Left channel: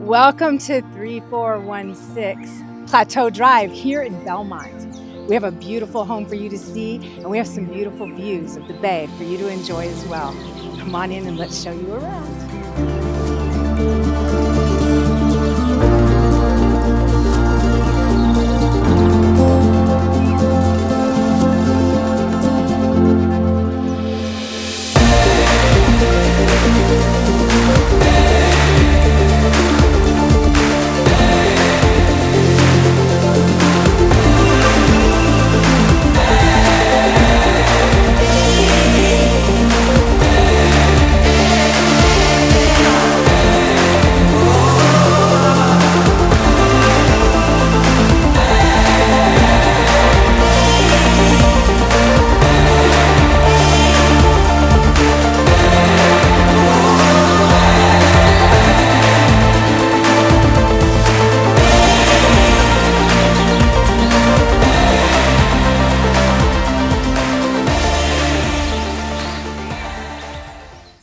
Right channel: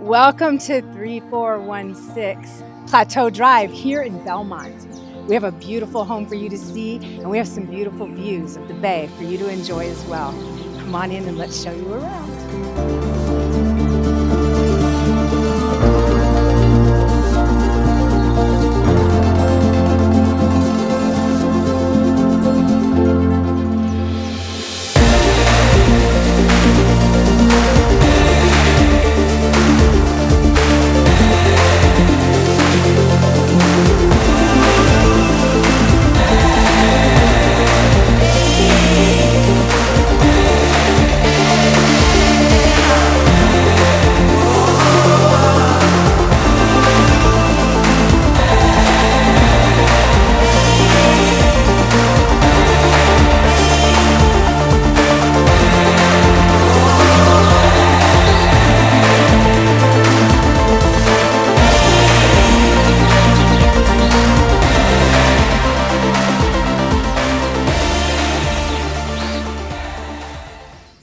Welcome to 3416 Plateau Drive here in Belmont. We have a beautiful home for you to see, and we have some beautiful views of the bay for you to enjoy as well. Come on in and let's show you around.